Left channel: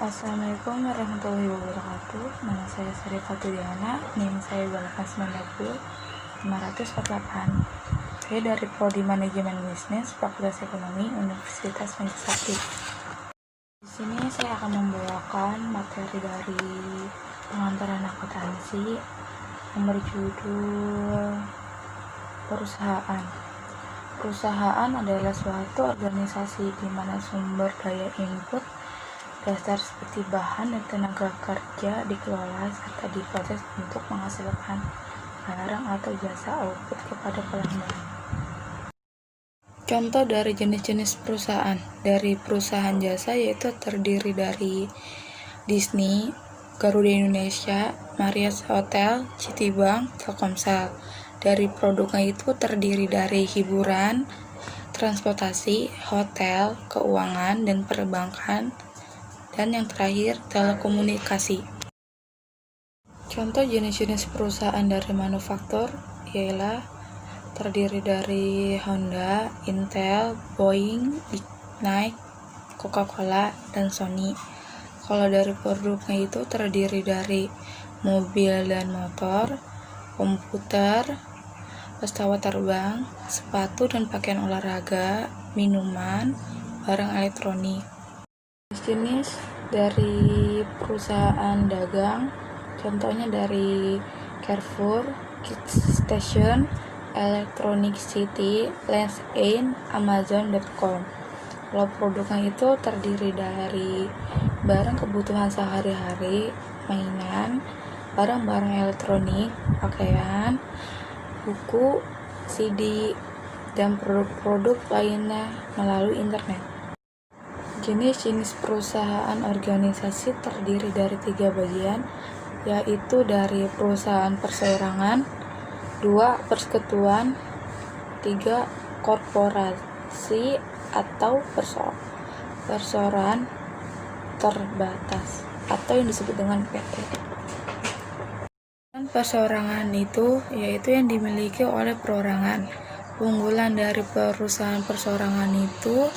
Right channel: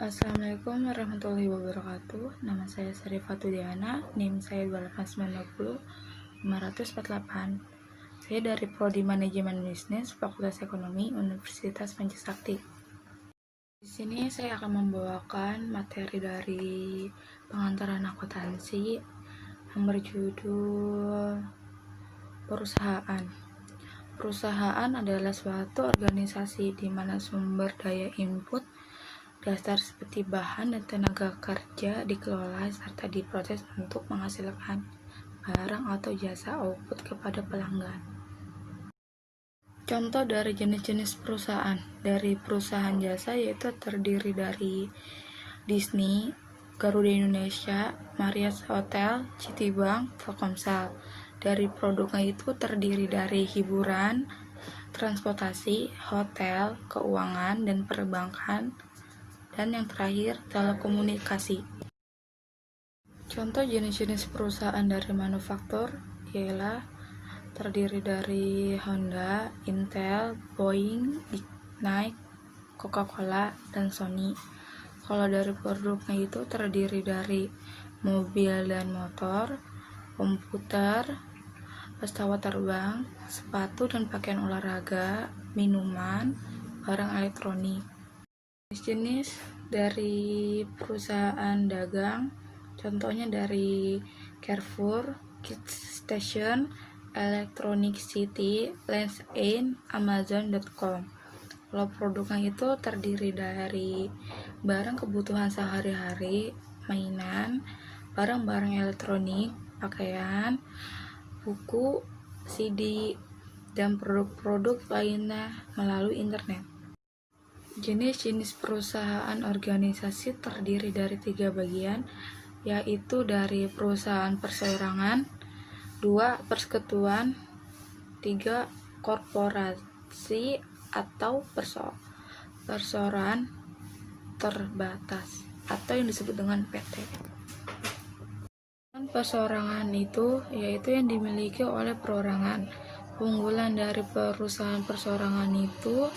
Assalamualaikum warahmatullahi wabarakatuh. Nama saya Sari Fatudiana, NIM saya 548. Saya dari Prodi Manajemen Bisnis, Fakultas Ekonomi, Universitas Pancasila. Di sini saya akan membawakan materi dari pengantaran akuntansi yang berjudul perusahaan. Perusahaan adalah suatu organisasi di mana sumber daya input dasar seperti bahan dan tenaga kerja dikelola serta diproses untuk menghasilkan barang atau jasa output kepada pelanggan. Contoh dari jenis-jenis perusahaan. Dari perusahaan jasa yaitu terdiri dari Disney, Garuda Indonesia, Marriott Hotel, Citibank, Telkomsel. Dari produknya itu terdiri dari hiburan, transportasi, hotel, keuangan, dan perbankan. Dan yang terakhir, telekomunikasi. Contoh jenis-jenis perusahaan dari manufaktur ialah terdiri dari Honda, Intel, Boeing, Nike, Coca-Cola, dan Sony. Kalau dari produknya itu terdiri dari mobil dan motor, komputer, pesawat terbang, sepatu dan pakaian olahraga, minuman, barang elektronik. Jenis dari perusahaan dagang, contohnya dari Carrefour, Kids Station, Electronic City, Lens End, Amazon.com. Kalau produknya itu terdiri dari barang kebutuhan sehari-hari, mainan, barang-barang elektronik, pakaian, buku, CD, dan produk-produk lainnya melalui internet. Jenis-jenis perusahaan organisasi terdiri dari 3 bagian, yaitu dari perusahaan perseorangan, 2 persekutuan, 3 korporasi atau perseorangan terbatas atau yang disebut dengan PT. Perseorangan itu yaitu yang dimiliki oleh perorangan. Keunggulan dari perusahaan perseorangan itu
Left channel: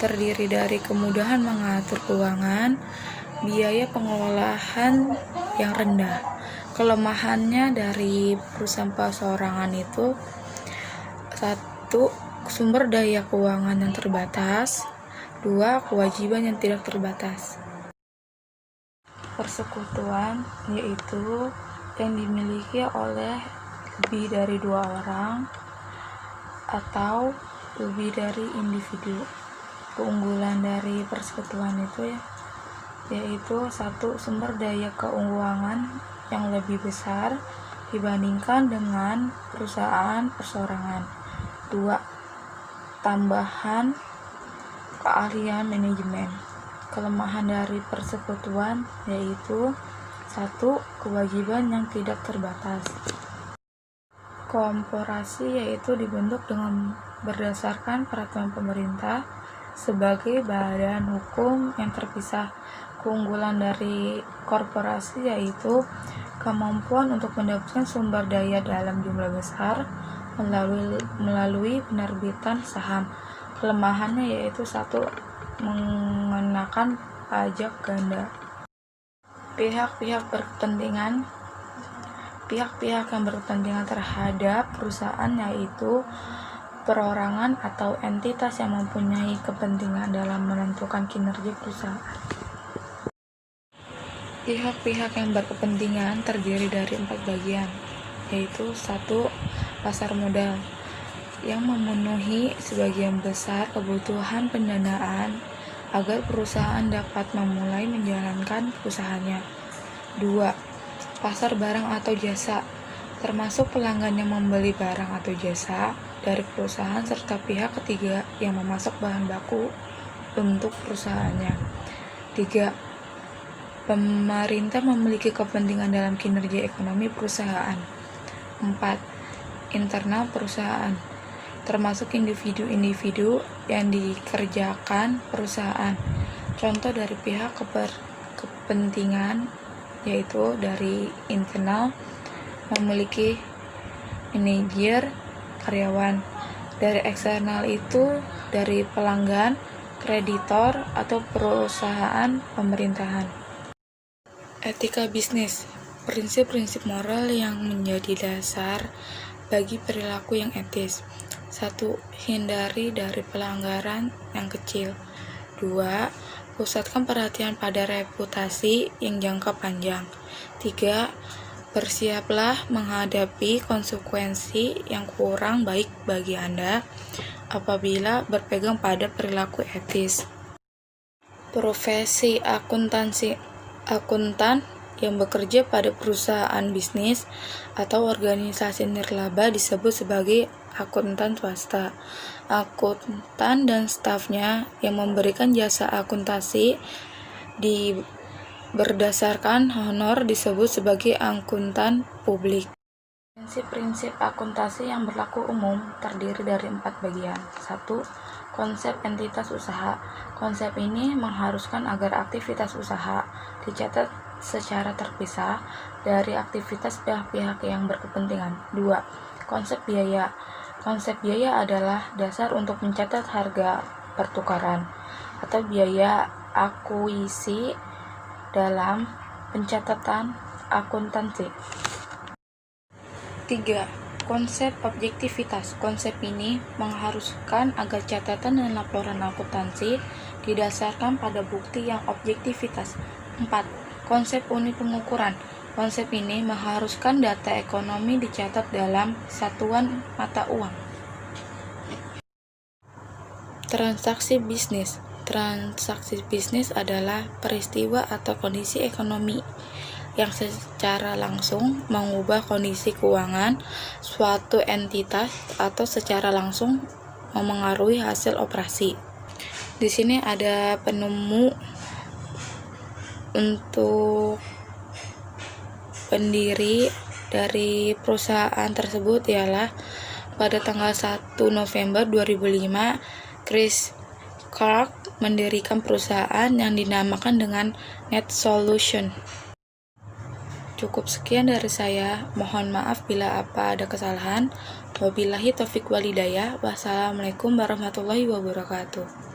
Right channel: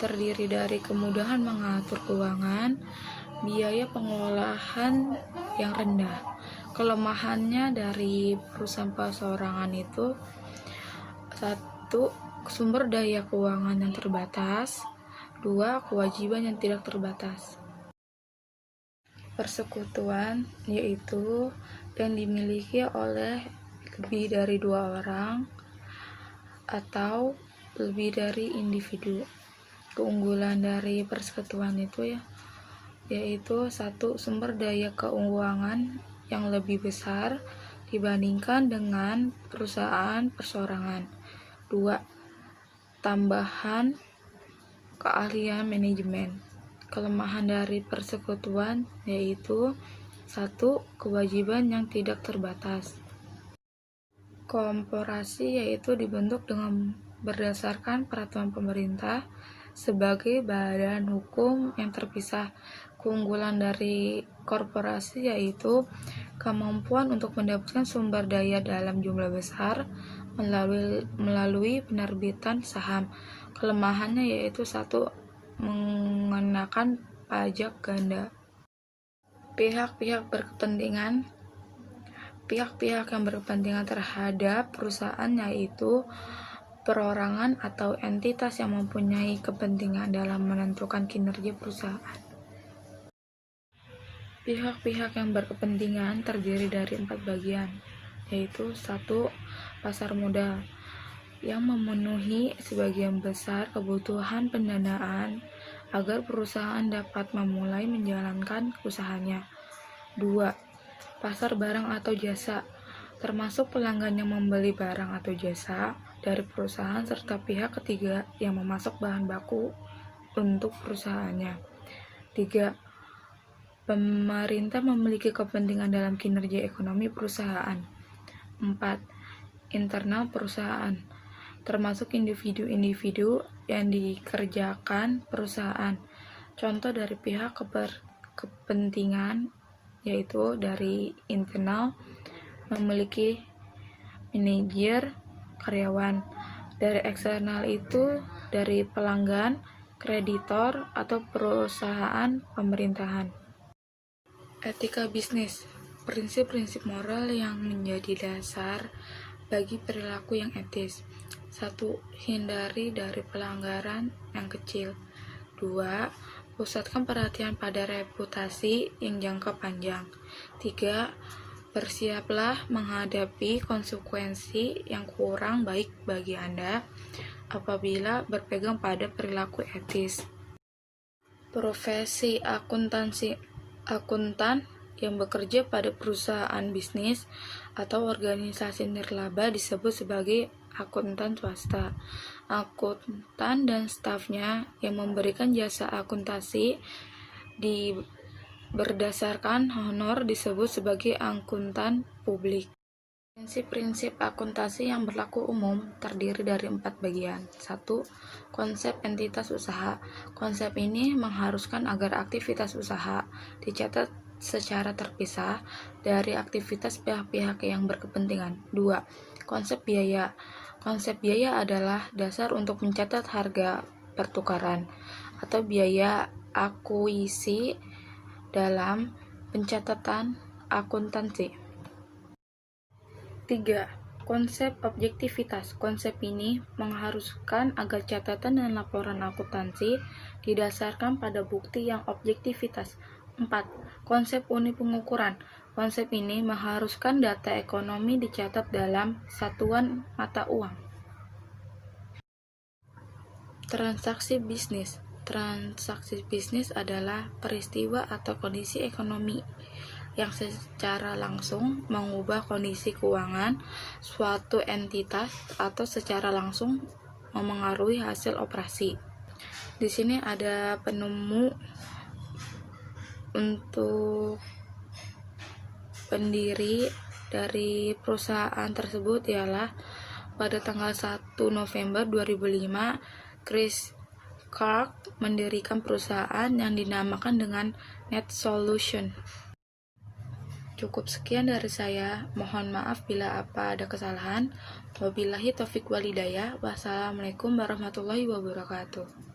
terdiri dari kemudahan mengatur keuangan, biaya pengelolaan yang rendah. Kelemahannya dari perusahaan perseorangan itu 1. Sumber daya keuangan yang terbatas, 2. Kewajiban yang tidak terbatas. Persekutuan yaitu yang dimiliki oleh lebih dari 2 orang atau lebih dari individu. Keunggulan dari persekutuan itu yaitu 1. Sumber daya keuangan yang lebih besar dibandingkan dengan perusahaan perseorangan. 2. Tambahan keahlian manajemen. Kelemahan dari persekutuan yaitu 1. Kewajiban yang tidak terbatas. Korporasi yaitu dibentuk dengan berdasarkan peraturan pemerintah sebagai badan hukum yang terpisah. Keunggulan dari korporasi yaitu kemampuan untuk mendapatkan sumber daya dalam jumlah besar melalui penerbitan saham. Kelemahannya yaitu 1. Mengenakan pajak ganda. Pihak-pihak yang berkepentingan terhadap perusahaan yaitu perorangan atau entitas yang mempunyai kepentingan dalam menentukan kinerja perusahaan. Pihak-pihak yang berkepentingan terdiri dari 4 bagian, yaitu 1. Pasar modal yang memenuhi sebagian besar kebutuhan pendanaan agar perusahaan dapat memulai menjalankan usahanya. 2. Pasar barang atau jasa, termasuk pelanggan yang membeli barang atau jasa dari perusahaan serta pihak ketiga yang memasok bahan baku untuk perusahaannya. 3. Pemerintah memiliki kepentingan dalam kinerja ekonomi perusahaan. 4. Internal perusahaan, termasuk individu-individu yang dikerjakan perusahaan. Contoh dari pihak kepentingan yaitu dari internal memiliki manajer, karyawan. Dari eksternal itu dari pelanggan, kreditor, atau perusahaan pemerintahan. Etika bisnis, prinsip-prinsip moral yang menjadi dasar bagi perilaku yang etis. 1. Hindari dari pelanggaran yang kecil. 2. Pusatkan perhatian pada reputasi yang jangka panjang. 3. Bersiaplah menghadapi konsekuensi yang kurang baik bagi Anda apabila berpegang pada perilaku etis. Profesi akuntan yang bekerja pada perusahaan bisnis atau organisasi nirlaba disebut sebagai akuntan swasta. Akuntan dan stafnya yang memberikan jasa akuntansi berdasarkan honor disebut sebagai akuntan publik. Prinsip-prinsip akuntansi yang berlaku umum terdiri dari 4 bagian. 1. Konsep entitas usaha. Konsep ini mengharuskan agar aktivitas usaha dicatat secara terpisah dari aktivitas pihak-pihak yang berkepentingan. 2. Konsep biaya. Konsep biaya adalah dasar untuk mencatat harga pertukaran atau biaya akuisisi dalam pencatatan akuntansi. 3. Konsep objektivitas. Konsep ini mengharuskan agar catatan dan laporan akuntansi didasarkan pada bukti yang objektivitas. 4. Konsep unit pengukuran. Konsep ini mengharuskan data ekonomi dicatat dalam satuan mata uang. Transaksi bisnis. Transaksi bisnis adalah peristiwa atau kondisi ekonomi yang secara langsung mengubah kondisi keuangan suatu entitas atau secara langsung memengaruhi hasil operasi. Di sini ada penemu untuk pendiri dari perusahaan tersebut ialah pada tanggal 1 November 2005 Chris Clark mendirikan perusahaan yang dinamakan dengan Net Solution. Cukup sekian dari saya. Mohon maaf bila apa ada kesalahan. Wabillahi taufik walhidayah. Wassalamualaikum warahmatullahi wabarakatuh.